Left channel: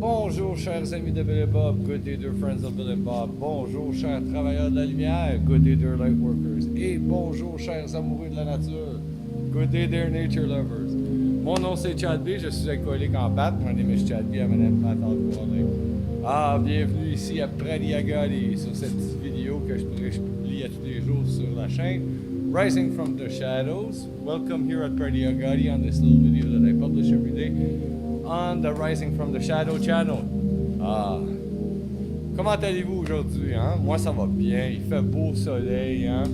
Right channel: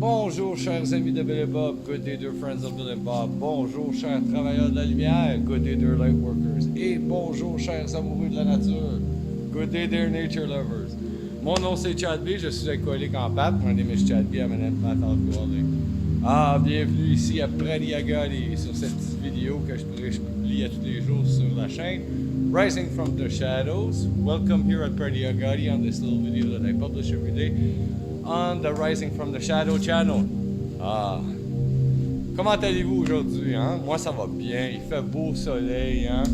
Bonjour, chers amis de Bill and Bob. Good day, dear friends of Bill and Bob. Bonjour, chers travailleurs de la lumière. Good day, dear light workers. Et bonjour, chers amoureux de la nature. Good day, dear nature lovers. Mon nom, c'est Chad B. Je suis alcoolique en pâte. My name is Chad B. I'm an empath alcoholic. Bienvenue ici à Pradiagadi sur cette petite vidéo que je publie à tous les jours sur la chaîne. Rising from the Shadows. Welcome here at Pradiagadi on this little video that I publish every day on the Rising from the Shadow channel. Comment allez-vous aujourd'hui, hein? Moi, ça va bien. Il fait beau soleil, hein?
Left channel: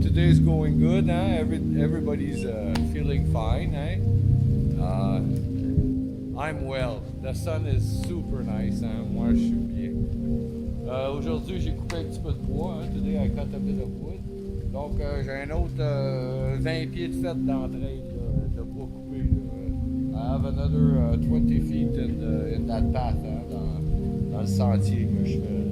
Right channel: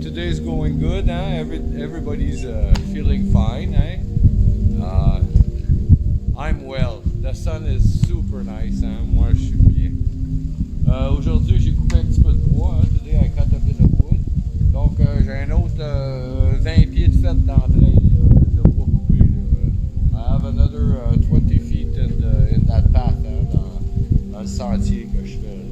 Today's going good, hein? Everybody's feeling fine, hein? I'm well. The sun is super nice, hein? Moi, je suis bien. Aujourd'hui, j'ai coupé un petit peu de bois, hein? Today, I cut a bit of wood. Donc, j'ai un autre 20 pieds de fête d'entraille de bois coupé. I have another 20 feet in that path, hein, dans le sentier que je fais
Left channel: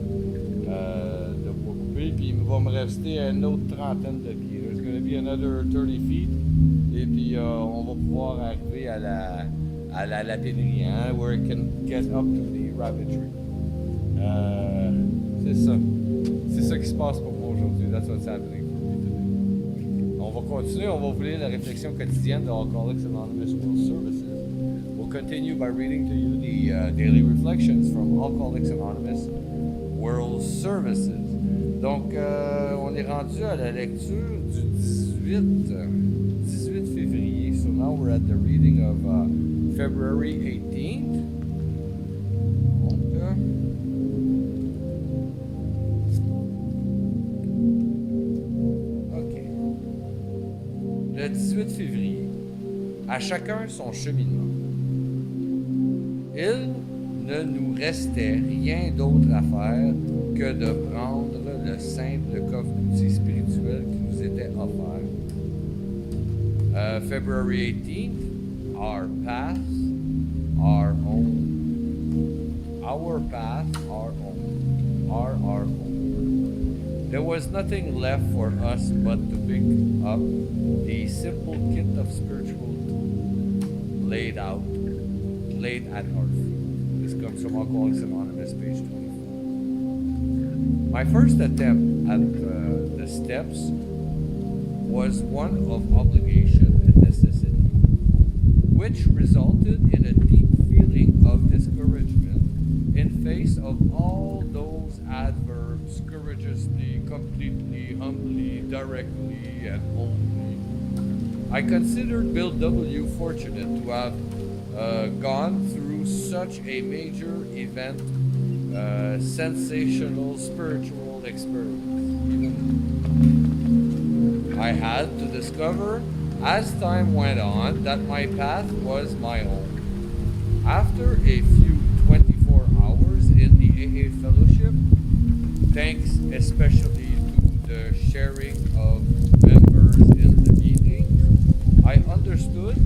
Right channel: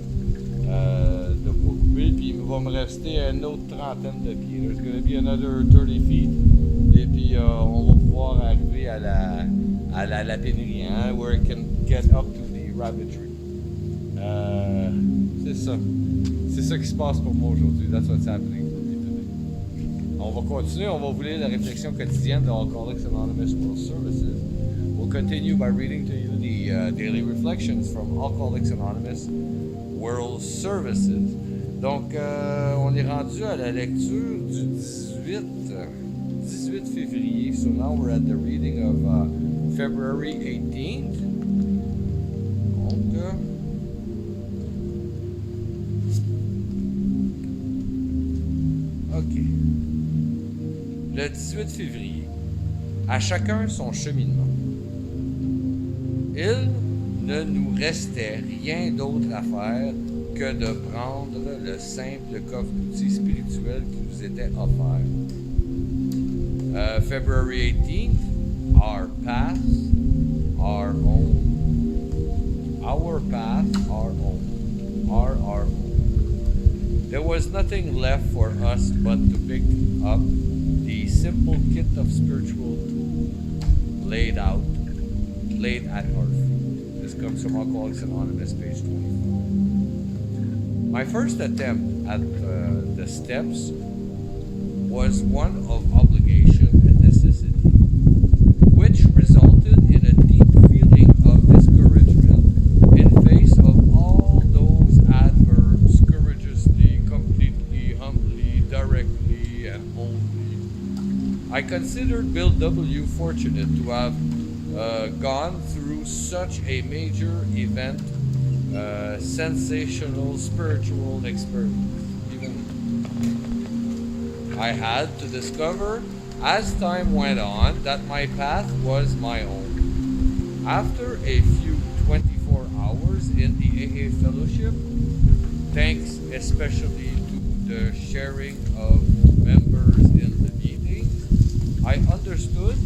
de bois coupé. Puis il va me rester une autre trentaine de pieds. There's going to be another 30 feet. Et puis on va pouvoir arriver à la lapinerie, hein, where it can get up to the rabbitry. C'est ça. C'est ça qui se passe pour moi aujourd'hui. That's what's happening for me today. On va continuer. On va vous lire la réflexion quotidienne de Alcoholics Anonymous World Services. We'll continue by reading to you the daily reflections from Alcoholics Anonymous World Services. Donc, on est rendu à la lecture du 18 février. So now we're at the reading of February 18th. Donc, OK. Le 18 février. À chacun son cheminement. Il ne nous restait rien d'autre à faire que de prendre le simple coffre d'outils spirituel qui nous était offert. February 18th, our path, our own. Our path, our own. Our own. There was nothing left for us but to pick up the simple kit of spiritual tools laid at our feet. This comes from Alcoholics Anonymous, page 25. My first attempt at the steps was one of obligation and necessity, which resulted in a deep feeling of discouragement in face of all those adverbs, courageously, completely, humbly, directly, and only. I considered Bill W. fortunate to have gone through such a major event, sensational spiritual experience. Even I had to discover as time went on that my path was my own. After a few 24 hours in the AA fellowship, thanks especially to the sharing of members in the meetings, I understood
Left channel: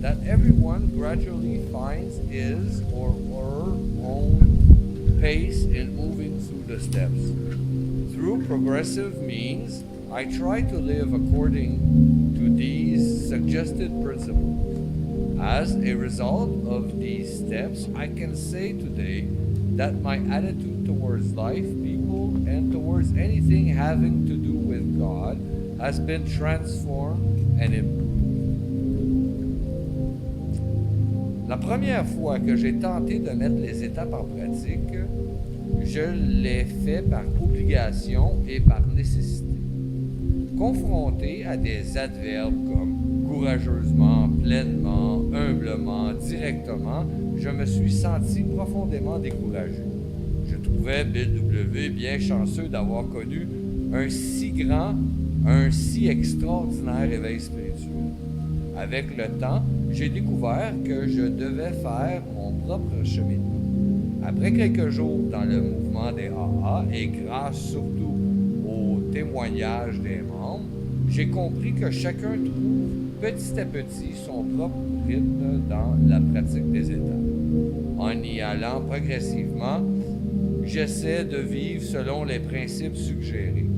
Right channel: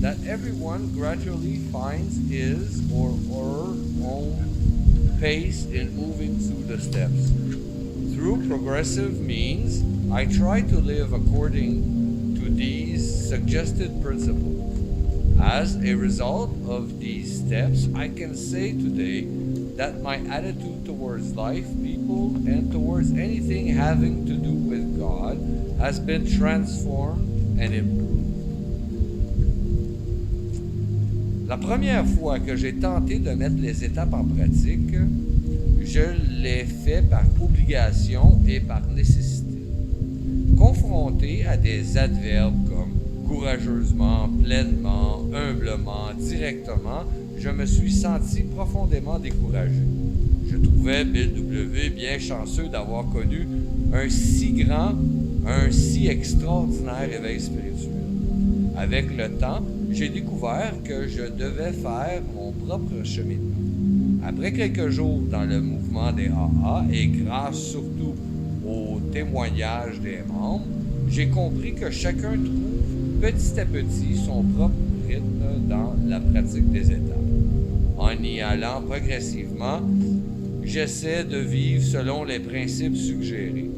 that everyone gradually finds his or her own pace in moving through the steps. Through progressive means, I try to live according to these suggested principles. As a result of these steps, I can say today that my attitude towards life, people, and towards anything having to do with God has been transformed and improved. La première fois que j'ai tenté de mettre les étapes en pratique, je l'ai fait par obligation et par nécessité. Confronté à des adverbes comme courageusement, pleinement, humblement, directement, je me suis senti profondément découragé. Je trouvais Bill W. bien chanceux d'avoir connu un si grand, un si extraordinaire éveil spirituel. Avec le temps, j'ai découvert que je devais faire mon propre cheminement. Après quelques jours dans le mouvement des AA et grâce surtout aux témoignages des membres, j'ai compris que chacun trouve petit à petit son propre rythme dans la pratique des étapes. En y allant progressivement, j'essaie de vivre selon les principes suggérés.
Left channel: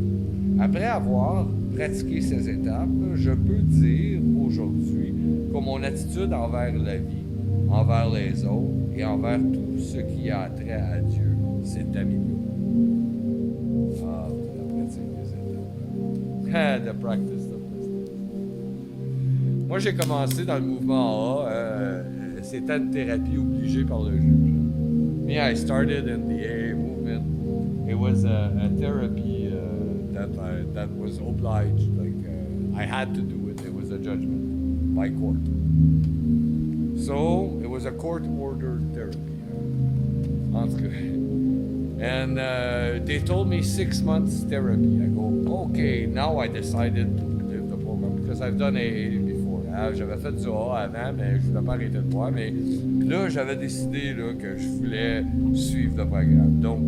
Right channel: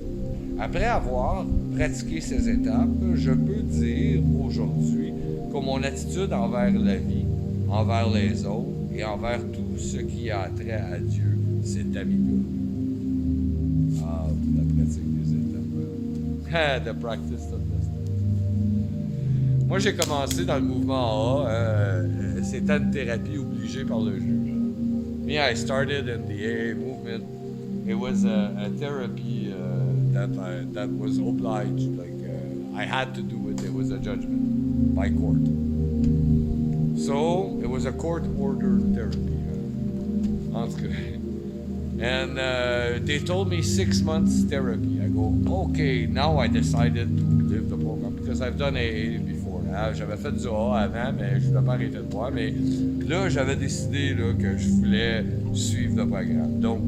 Après avoir pratiqué ces étapes, je peux dire aujourd'hui que mon attitude envers la vie, envers les autres et envers tout ce qui a trait à Dieu s'est amélioré. Ah, la pratique des étapes. The practice of the steps. Moi, j'ai commencé dans le mouvement AA. C'était une thérapie obligée par le juge. Me, I started in the AA movement. It was a therapy that was obliged. Like I had to do it. It was a judgment by court. So it was a court-ordered therapy. En tout cas. And they told me 6 months therapy. I go, okay, now I decided to live the program because I've done AA before. J'avais fait du AA avant, mais je ne voulais pas arrêter de boire. Mais là, j'avais décidé là, que je voulais suivre le programme. Donc,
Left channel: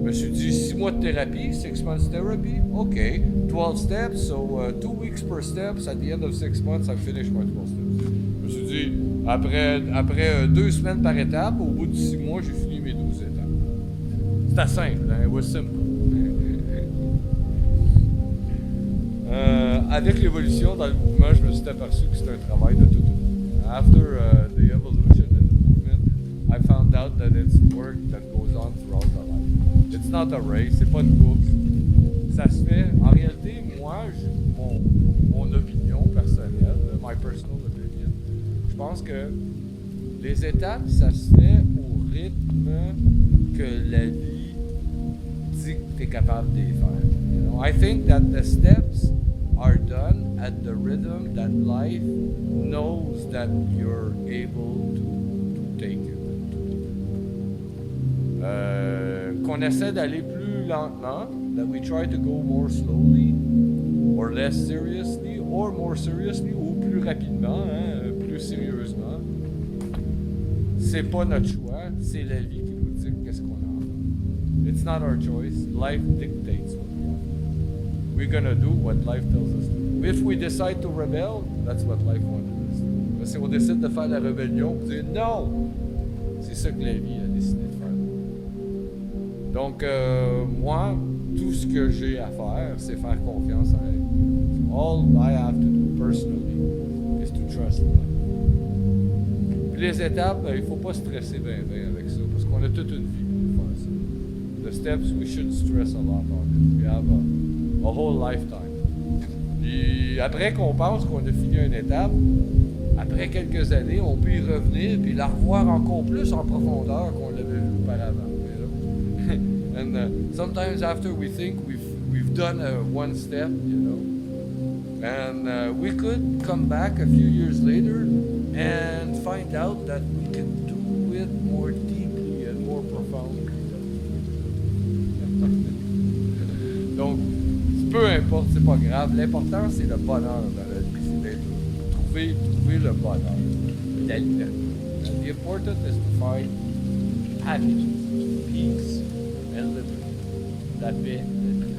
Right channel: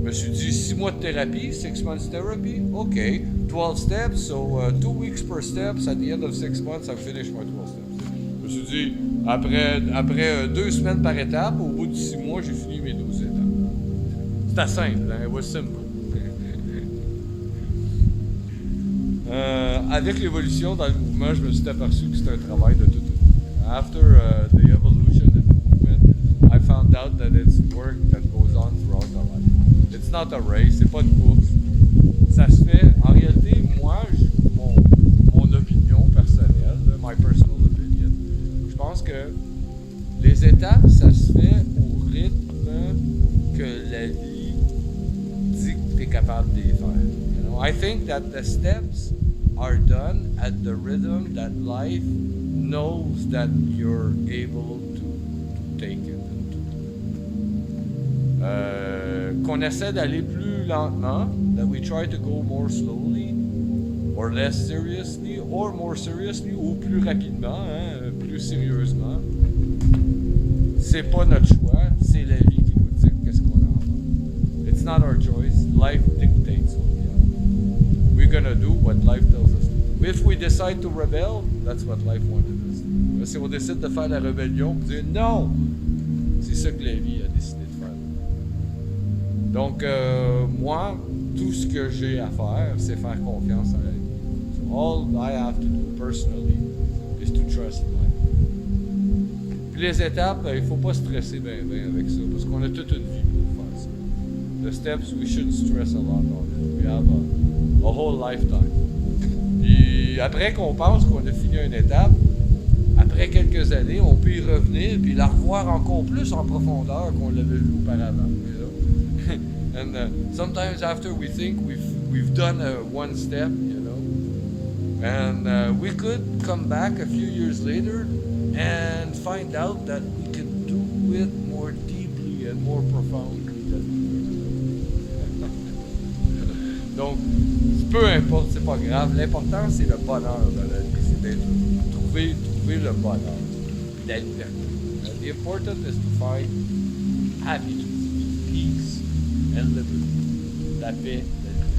je me suis dit 6 mois de thérapie, 6 months therapy, okay, 12 steps, so 2 weeks per steps. At the end of 6 months, I've finished my 12 steps. Je me suis dit, après 2 semaines par étape, au bout de 6 mois, j'ai fini mes 12 étapes. C'était simple, hein? It was simple. Avec l'évolution dans le mouvement, je me suis aperçu que c'était un travail de toute une vie. After the evolution in the movement, I found out that it's work that goes on throughout our life. It's not a race, c'est pas une course. Ça se fait, en réalité, moi, mon opinion personnelle, my personal opinion, je pense que les étapes, ça se fait au rythme que la vie dit que tu es capable de les faire. You know? I think that the steps are done at the rhythm that life knows that you're able to take it and to do it. Qu'on essaie d'aller plus lentement, that we try to go more slowly, or less seriously, or more seriously, ou plus rapidement, hein, plus sérieusement. C'est pas notre choix, c'est la vie qui nous dit qu'est-ce qu'on a à faire. It's not our choice. Life dictates what we have to do. We're gonna do what life tells us to do. If we decide to rebel, that's what life wanted us to do. Si on décide de faire la rébellion, on dire non, c'est ça que la vie a décidé de faire. Donc, moi, tout ce que j'ai à faire, c'est faire confiance à la vie. So all I have to do personally is to trust life. Puis les étapes, il ne faut pas stresser bien avec ça, parce qu'on a toute une vie pour faire ça. The steps, we shouldn't stress a lot on it. We have a whole lifetime. Puis après qu'on pense qu'on a fini une étape, après quelques années, on peut y revenir puis la revoir encore plus en profondeur qu'on l'avait vu auparavant. You know? And sometimes after we think we've done one step, you know, and we could come back a few years later and find out that we can do it more deeply and more profoundly than we've ever done. Donc, peu importe, c'est pas grave. L'important, c'est le bonheur dans la vie, c'est d'être trouver le bonheur et la liberté. And the important is to find happiness, peace, and liberty. La paix, la liberté.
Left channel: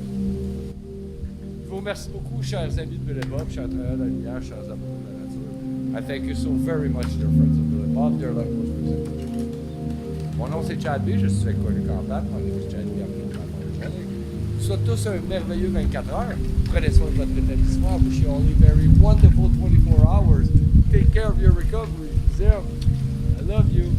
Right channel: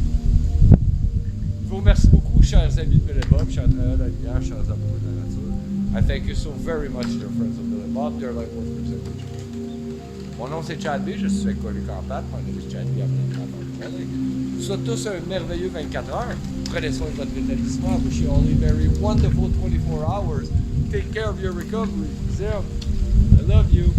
Je vous remercie beaucoup, chers amis de Bill et Bob, chers travailleurs de la lumière, chers amoureux de la nature. I thank you so very much, dear friends of Bill and Bob, dear life workers and teachers. Mon nom c'est Chad B, je suis alcoolique en pâte. My name is Chad B, I'm an alcoholic. Je vous souhaite tous un merveilleux 24 heures. Prenez soin de votre établissement. I wish you all a very wonderful 24 hours. Take care of your recovery. Zem, I love you.